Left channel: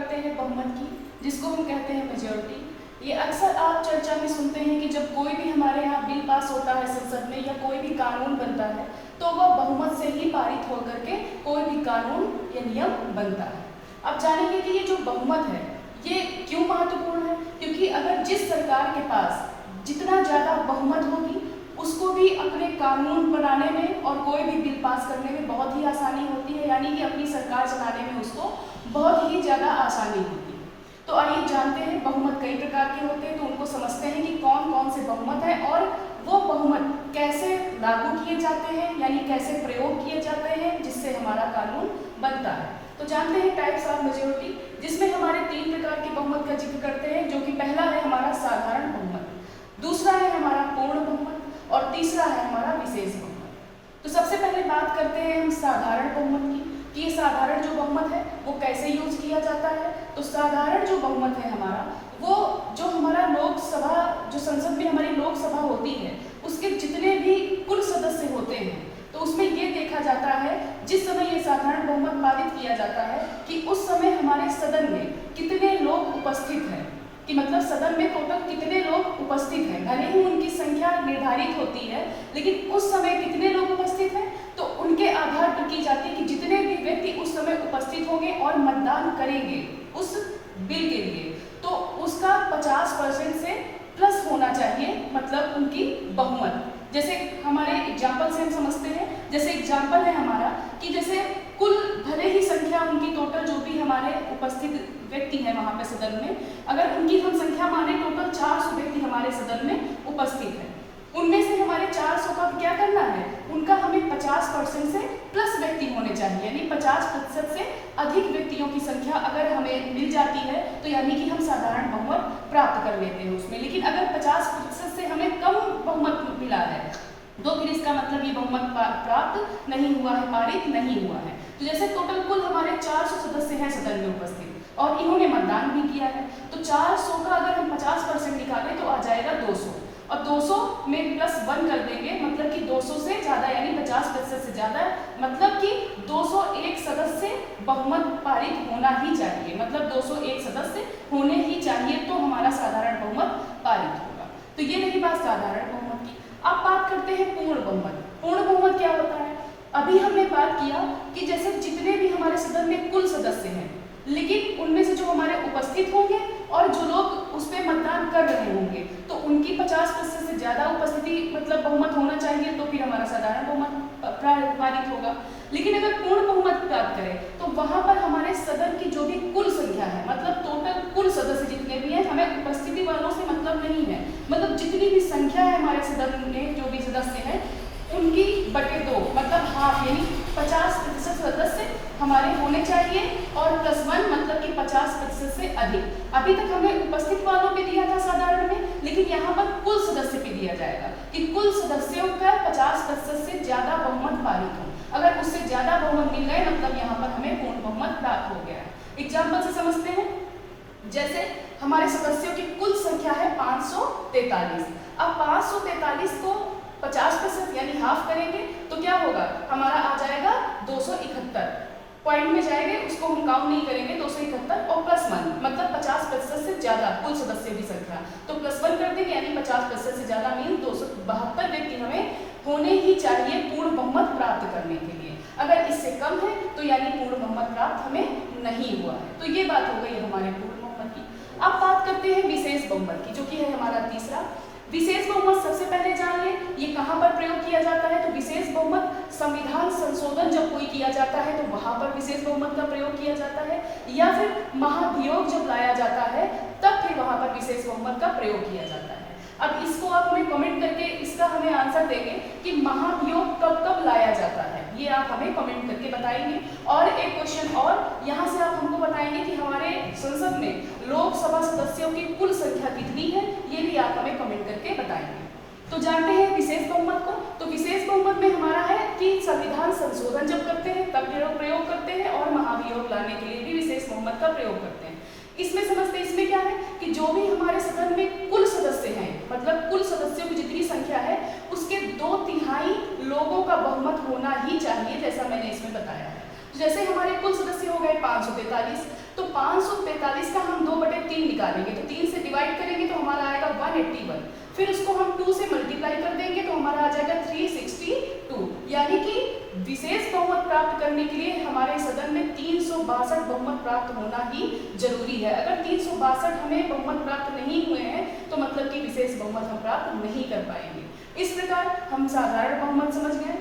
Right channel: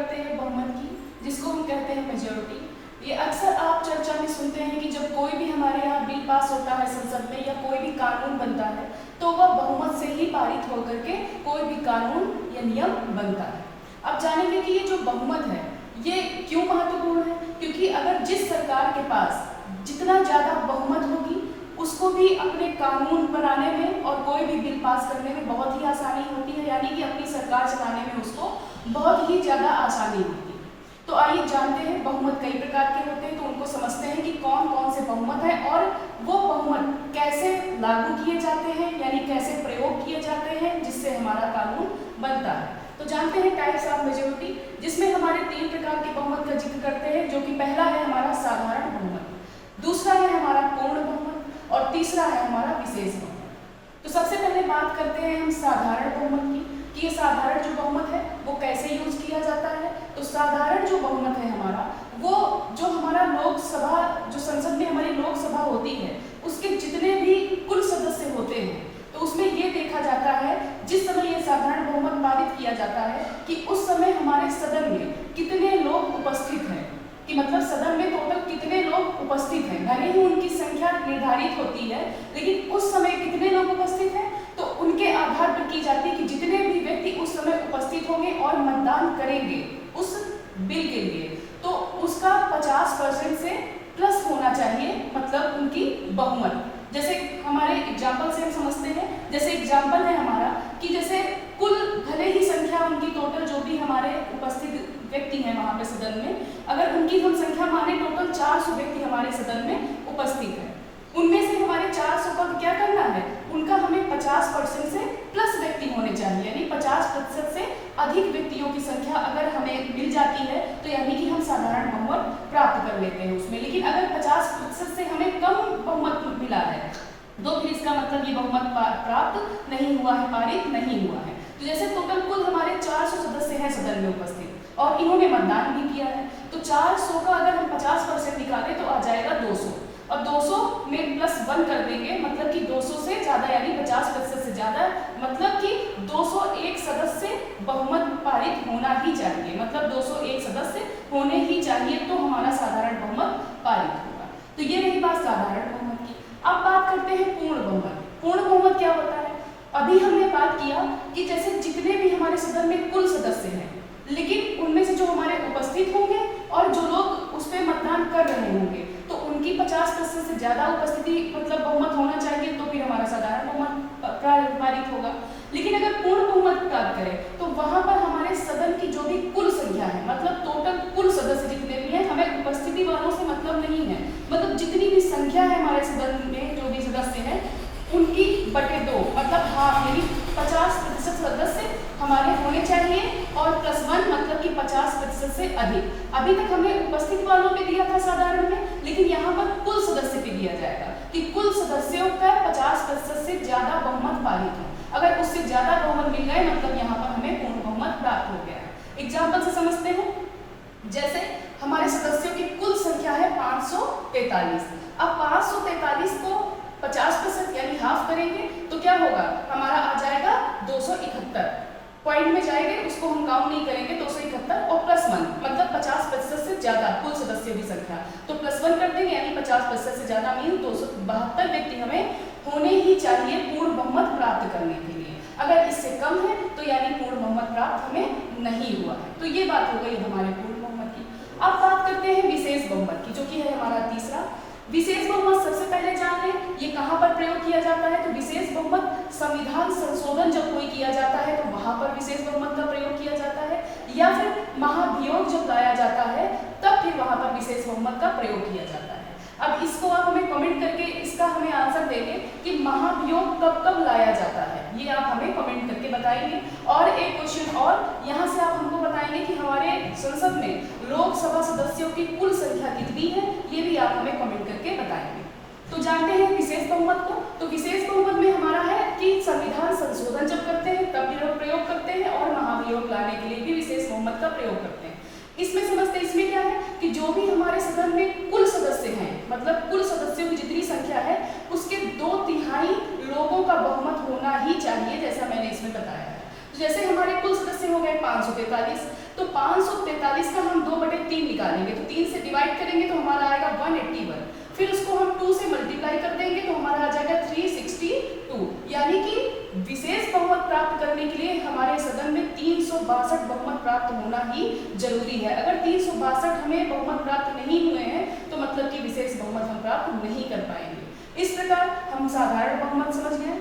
करते हैं बहुमत की, जिसको हम कहते हैं मेजॉरिटी। ये अक्सर आप चर्चा में सुनते हैं कि जब कोई भी हमारे यहाँ बिल पास होता है संसद में या कोई भी कानून बनता है तो वह बहुमत से ही पारित होकर के कोई भी कानून या नियम बनता है। अब जानेंगे कि ये जो बहुमत है ये क्यों महत्वपूर्ण है, क्योंकि अगर जिस सरकार के पास जितना ज़्यादा बहुमत होगी उसको भी अपने कानून बनाने में और कोई भी बिल पास करने में बहुत ही आसानी होती है, यानी कि अपनी सरकार चलाने में उसको बहुत ही ज़्यादा आसानी होती है। तो आइए जानते हैं बहुमत कई प्रकार के होते हैं, तो उनको समझते हैं कि कौन कौन से बहुमत है और वो बहुमत कैसे लागू किए जाते हैं, यानी कैसे प्रयोग किए जाते हैं जिससे हमारा कानून बनता है। तो जानते हैं टाइप्स ऑफ मेजॉरिटी, जिसमें हमारे 3 प्रकार के बहुमत का जिक्र करते हैं, जो कि पहला है हमारा साधारण बहुमत, दूसरा है हमारा पूर्ण बहुमत और तीसरा है हमारा विशेष बहुमत। तो सबसे पहले बात करते हैं हम साधारण बहुमत की कि ये साधारण जो बहुमत है वो कैसे यूज किया जाता है। तो साधारण जो बहुमत है हमारा, वो जो हमारा लोकसभा, जो संसद में हमारी लोकसभा होती है उसके जितने भी कुल सदस्य होते हैं, तो उसमें ये देखा जाता है जिस समय ये साधारण बहुमत पारित किया जाता है कि उस समय हमारे सदन में कितने लोग उपस्थित हैं, कि मतलब सदन में टोटल कितने लोग उपस्थित हैं। भले ही उनकी संख्या निर्धारित होती है लेकिन उस समय कितने लोग उपस्थित हैं तो उनके आधार पर की जाती है कि जितने भी व्यक्ति उस समय उपस्थित होंगे और मतदान करेंगे उस बिल के लिए, तो उसका 50% से प्लस होना चाहिए, मतलब उनकी बहुमत। जैसे हमारे एग्जाम्पल से हम समझते हैं, जैसे एग्जाम्पल है हमारा कि जैसे कुल भले ही संख्या उनकी टोटल जो भी हमारे उपस्थित व्यक्ति हैं वहाँ पे सदन में, अगर उनकी हम संख्या माने टोटल 400 व्यक्ति हमारे सदन में उपस्थित है, उनमें से हमारे 400 का क्या करना है, उनका हमें 50% से प्लस व्यक्ति होने चाहिए, यानी 50% से अधिक व्यक्तियों की संख्या अगर हमें मिल जाती है तो यानी कि हम साधारण बहुमत प्राप्त कर लेते हैं उसमें। लेकिन अगर 50% से हमें कम बहुमत मिला है तो फिर इसका मतलब ये बहुमत प्राप्त नहीं हुआ है, पारित नहीं हुआ है। तो जैसे टोटल कुल हमारे 400 सदस्य हैं सदन में उपस्थित और इन्होंने मतदान भी किया है, तो 400 का अगर हम 50% निकालें तो आ जाएगा 200, और 200 में प्लस 1 कर देंगे, मतलब कि 200 से ज़्यादा यानी 50% से ज़्यादा, मतलब कि 201 सदस्य बहुमत पारित होना ही चाहिए, मतलब 201 सदस्य होने ही चाहिए तो हमारा साधारण बहुमत पारित होगा। तो ये रही बात साधारण बहुमत की। अब बात करते हैं पूर्ण बहुमत। पूर्ण बहुमत क्या होता है? अभी हमने बात किया कि जैसे जितने भी हमारे सदन में कुल सदस्य हैं, लेकिन उनमें से जो हमारे उपस्थित होंगे और जो लोग उस पर मतदान कर रहे होंगे तो उनकी 50% से ज़्यादा उपस्थिति मतलब बहुमत होना चाहिए तो फिर हमारा साधारण बहुमत पारित होगा। लेकिन अगर पूर्ण बहुमत प्राप्त करें तो वहाँ पर हमारे सदन की जो भी कुल संख्या है, मतलब टोटल कुल सदस्य जितने भी हैं, हमें उपस्थिति वालों से मतलब नहीं है, मतलब जितनी भी संख्या है हमारे सदन में जो भी सदस्य हैं उनकी बटे 2, मतलब हाफ, यानी 50% सदस्य हमारे होने चाहिए और +1 मतलब कि 50% से अधिक। अभी तक हमने उपस्थित वालों पे दिया था साधारण में, लेकिन यहाँ पर कुल सदस्य पे दिया जाएगा कि कुल सदस्यों का 50% से ज़्यादा बहुमत पारित हो। अगर उससे ज़्यादा बहुमत मिल गए मतलब यहाँ पर हमें पूर्ण बहुमत प्राप्त हो गया। एग्जाम्पल से समझते हैं, जैसे हमारे सदस्यों की कुल संख्या है 543। अब 543 को 50% यानी हाफ करेंगे तो क्या होगा, हमारा आ जाएगा 271। पॉइंट में जाएंगे उसको हम काउंट नहीं करेंगे, 271 और +1 मतलब 50% से ज्यादा कुल सदस्य की संख्या, तो +1 कर देंगे यानी 50% से ज्यादा मीन 272 व्यक्ति हमें होने ही चाहिए पूर्ण बहुमत प्राप्त करने के लिए। अगर इससे कम है तो यानी पूर्ण बहुमत प्राप्त हमें नहीं हुआ है। तो ये बात हो गई हमारे पूर्ण बहुमत की। अब बात करते हैं विशेष बहुमत की, जो कि है हमारा तीसरा। विशेष बहुमत सबसे पहले जान लें ये कहाँ पर प्रयोग किया जाता है। तो विशेष बहुमत संविधान संशोधन जब कोई किया जाता है तो वहाँ पर विशेष बहुमत का प्रयोग किया जाता है, या फिर महाभियोग जब लाया जाता है तब फिर वहाँ पर विशेष बहुमत का प्रयोग किया जाता है। अब इसको आप हमें कमेंट करके इसका हमें आंसर देंगे कि महाभियोग कब कब लाया जाता है, ये आप हमें कमेंट करके बताएंगे। और एक क्वेश्चन और यहाँ से आप हमको बताएंगे कि हमारे संसद में लोकसभा सदस्यों की कुल संख्या कितनी है, ये भी आप हमें कमेंट करके बताएंगे। तो जानते हैं विशेष बहुमत को। तो विशेष बहुमत में हमारा है कि संविधान संशोधन जब करते हैं तब प्रयोग करते हैं और महाभियोग लाने के लिए भी विशेष बहुमत का प्रयोग करते हैं। इसमें समझते हैं इसमें क्या है कि जो भी हमारे सदन में कुल सदस्य हैं, मतलब कुल सदस्यों की जितनी संख्या है उसके 2/3 लोगों का बहुमत होना ही चाहिए, जैसा मैंने इसमें बताया है। तो जैसे हमारे कुल सदस्य हो गए 543। तो 543 का हम 2/3 निकालेंगे, तो 3 से डिवाइड करेंगे तो हमारा आएगा 181। फिर उसको हम 2 से मल्टीप्लाई कर देंगे तो हमारा आ जाएगा 362। यानी कि विशेष बहुमत प्राप्त करने के लिए हमारे सदन में 362 बहुमत प्राप्त होना ही जरूरी है। अगर 362 हमें बहुमत प्राप्त नहीं हुए हैं तो मतलब कि विशेष बहुमत हम प्राप्त नहीं कर पाएंगे। इस प्रकार हम साधारण बहुमत समझ गए।